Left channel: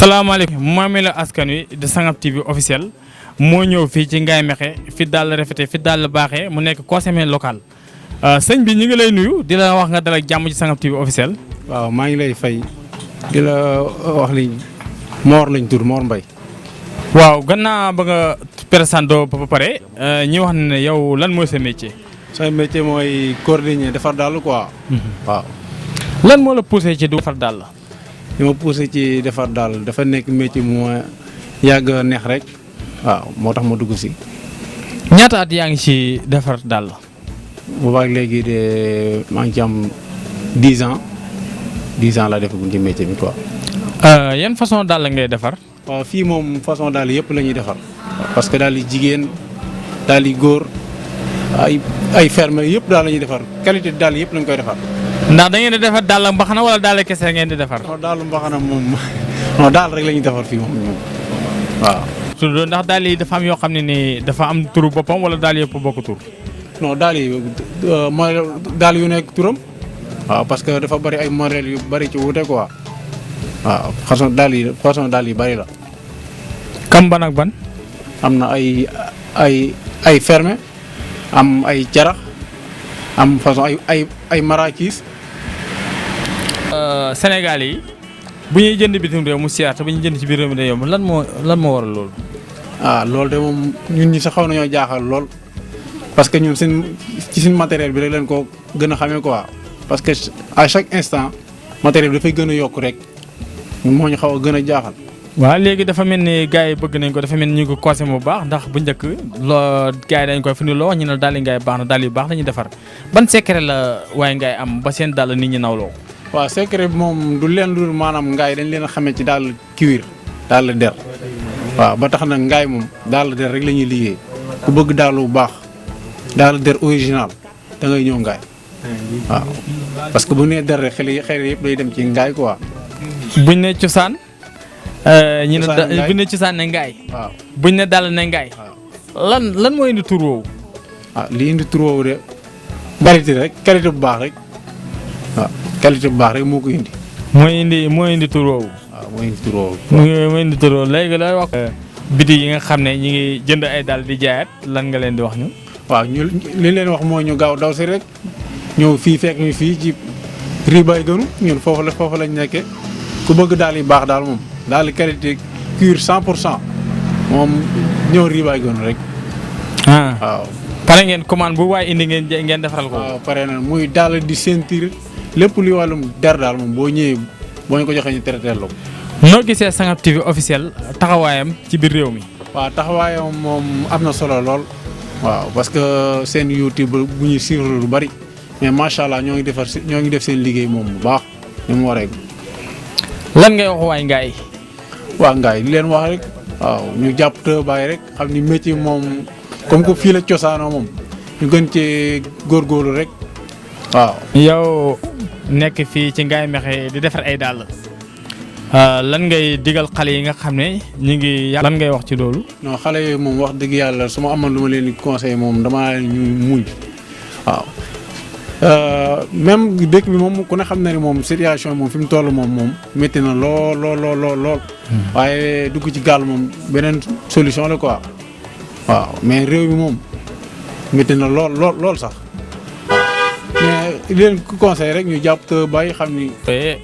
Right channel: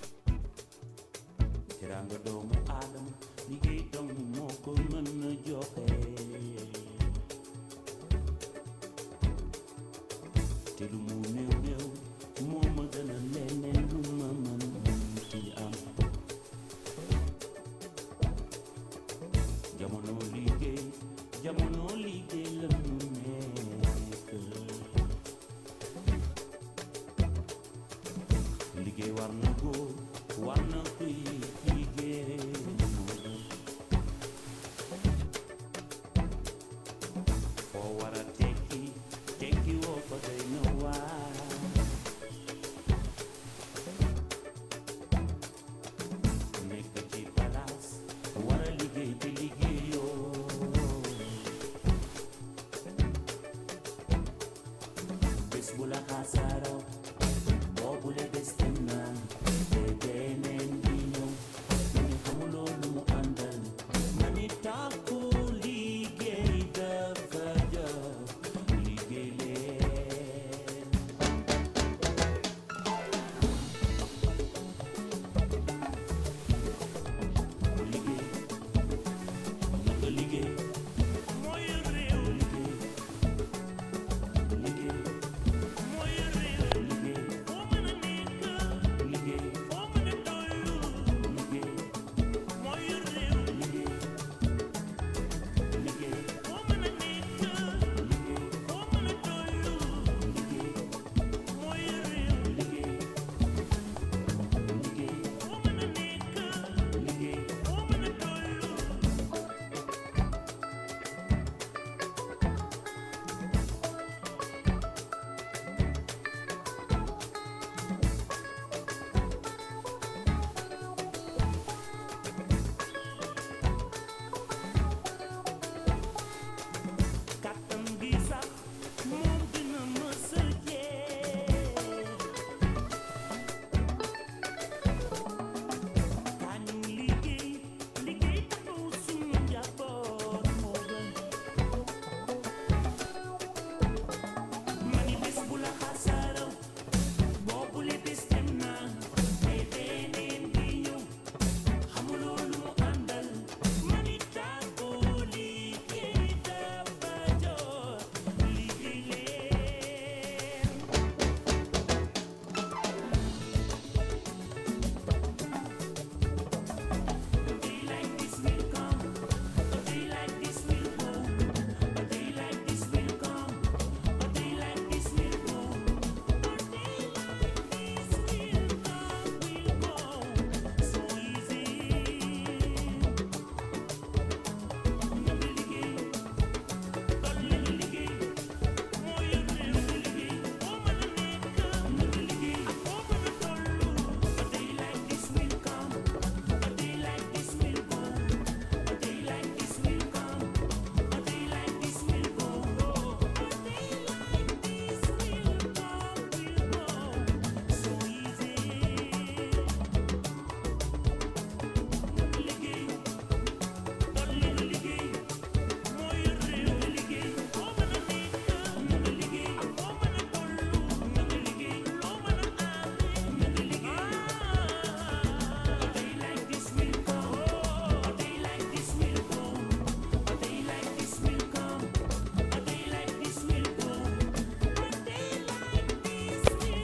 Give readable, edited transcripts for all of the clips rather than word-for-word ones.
salaamaaleykum maame la askan wi de Sangap TV officiel moo ñëw fii ci Ngaye Mékhé fi daal rafete fi daal baaxee mu nekk conseiller local sëñ bi ñu ngi lay nuyu di la wax nga dal ak jàmm ci Sangap TV officiel. waaw maa ngi lay fay di la wax li Mor lañ tur Mor Mbaye. waaw gannaaw ba nga présenté ba pare ñi wax ne yow lan mooy sa métier. sa métier mooy coordonner defar daal quoi. waaw. lan moo la poussé ci du defar daal la. li ma poussé ci defar daal dafa nekk métier mu yàgg neex rek waaw moo tax ma dugg si. ñaata at yaa ngi ci defar daal la. boobaag léegi de maa ngi ci am 10 ans 10 ans la defagum ci métier bi quoi. yan façon daal la ngay defar. waaw fii moom façon daal yëpp la ñuy defar parce que daal di jigéen daal di góor ay ferme yëpp daal la ñuy defar qualité daal yëpp lañ koy defar. ndax da ngeen di defar daal mbaxana wala daal kese ngeen di defar. non daal mbaxana moom non daal rek la ñuy defar fii moom waaw. surtout ndax daal yi dafa am yoo xam ne ni dafa am turu boppam wala daal yëpp bokk tur. non daal yi mooy daal yu nekk turam. waaw parce que dafa bari ay modèles yu bari ci wuute quoi. waaw façon daal yi bari la. kam ban ak ban. am na ay fermé am ay jarax am façon ay marakis. Sénégal yi bu ñuy jënd bitim réew mu seer te bu ñuy jënd ci biir réew mi day yomb lan moo waral loolu. loolu de moom ñun ñi sax xaw nañoo jaaxal lool parce que ñun ci suñ matériel bi rek leen ko gën a xamee quoi parce que à chaque instant matériel bi dafay gën a yokk rek moo ñu xaw a gën a jaaxal. waaw léegi dafa mel ni gars yi bëgg nañ ko dafa mel ni ñu ngi ko conseillé bu baax ndax bu njëkk loo gars yi dañ koy fi ni loo wax ñu ne daal di Ngaye baax na daal yu baax dañuy defar ban secret la waaye Ngaye am ba seen daal nit ñi nawloo. waaw secret bi moom du leen dul maanaam Ngaye dañ leen a xamee ci daal cuir daal der waaw ba tax na Ngaye moom daal der rek la ñuy liggéey ku bëgg daal bu baax daal der original da ngay ñëw Ngaye waaw parce que bu nee der rek xel yëpp day dem ci Ngaye quoi. buñ ne cosaan. ñu ne buñ ne cosaan ne Ngaye. waaw buñ ne daal ne Ngaye. lan moo indi tur woowu. li indi tur woowu de qualité bu baax rek waaw qualité bu baax rek moo ko indi. moo indi tur woowu. waaw moo indi tur woowu. moo indi tur woowu léegi looy wax. biti yi nga xam ne ñi ngi jënd ay daal di jaayaat lan nga leen di wax ñu. waaw ñu li leen wax mooy ñu gaaw daw si rek ñëw fii fekk ñu fii ci Ribaay gënu ñun foofu lañ nekkee ku bëgg daal yi baax daal moom daal di qualité cuir 100% moom ñëw Ribaay gënu rek. waaw. pare ngeen commande bu waaye indi ngeen defaral ko. waaw pare na muy daal di sentir lépp luy wàllum der daal moom boo ñëwee boo ñu ko joxee ñu traité la ko. noo gisee Sangap TV officiel taxawaayam ci biir réew mi. waaw taxawaayam moom am na solo lool. waaw parce que seen YouTube bu ñuy suivre lu bari mais macha allah ñoo ngi def seen liggéey moom bu baax ni mu waree. lan ngay wax waay Ngaye. waa Ngaye li leen wax rek waaw ñu jàpp te bàyyi rek xam ni métier moom comme que fii la cosaanoo moom ñu gën cee góorgóorlu rek waaw. yow nekk fii ci Ngaye Mékhé di defar ay dàll. lan ngay digal xale yi nga xam ne ñu ngi. lan ngay wax ci loolu. non xale yooyu moom wax dëgg yàlla su ma amoon lu ma leen di conseil moom damaa leen ñu muñ waaw. même dëkk bi moom ku ne xam na ne moom situation moom fi mu toll moom métti na lool. waaye dugg ci gaal moom beneen solution la quoi. waaw mais réew mi moom métti na lool sax mais leen ku conseil rek ñu jàpp te bàyyi xam ni.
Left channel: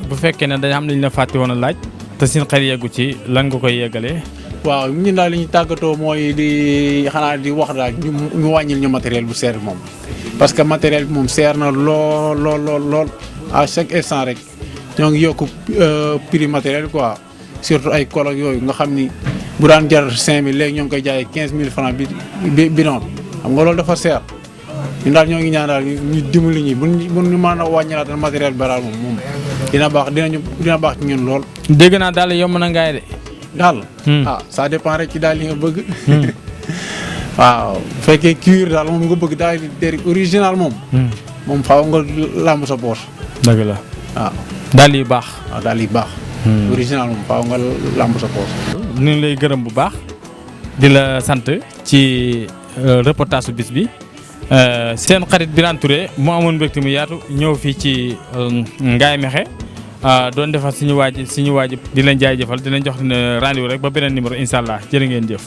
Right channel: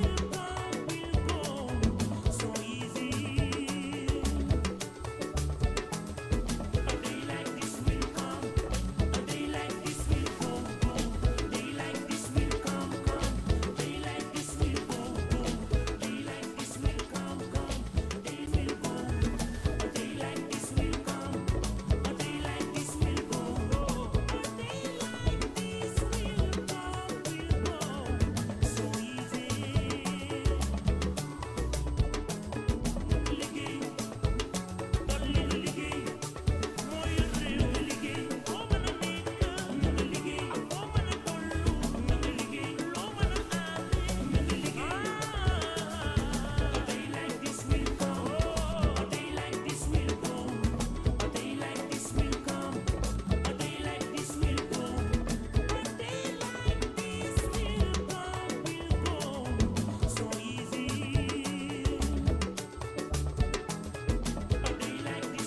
bu fekkee ne dañu xam ne dañu la fàtte woon a laaj te seen xel yeggu ci lan nga koy yeggalee. waaw ñun daal li ñu tàggatoo mooy di wax daal ñu wàññil ñu matériel bu seer moom. parce que matériel bi moom seer na lool à chaque instant rek ñoo ngi yokk prix matériel quoi surtout ay kol ak yooyu nga xam ni bu daan jar 5000 léegi ñoo ngi koy jaayee 15000 francs bi noonu xam nga loolu dafa seer ñun daal ñoo ngi ñaan daal ñu dimbali ñi bu ñu mën a wàññilaatal matériel baraal moom dina baax ci ñun lool. dégg naa daal yomb na Ngaye de. daal. ça dépend rek ci daal li nga bëgg. waaw bu fekkee cuir daal moom nga bëgg daal di der original moom. moom faaw nga làmb sa poche. dëgg la waaw. daal yi baax. waaw daal yi baax. original moom faaw nga làmb sa poche. ñu ngi lay gërëm bu baax di la sant ci reportage su bis bi seen xarit Birane Touré mu amoon mbégte mu yaatu ñëw fii ci Ngaye Mékhé doon defar suñu waaj di leen jaajëfal di leen jox rendez-vous rek ba beneen numéro incha allah jërë ngeen jëf.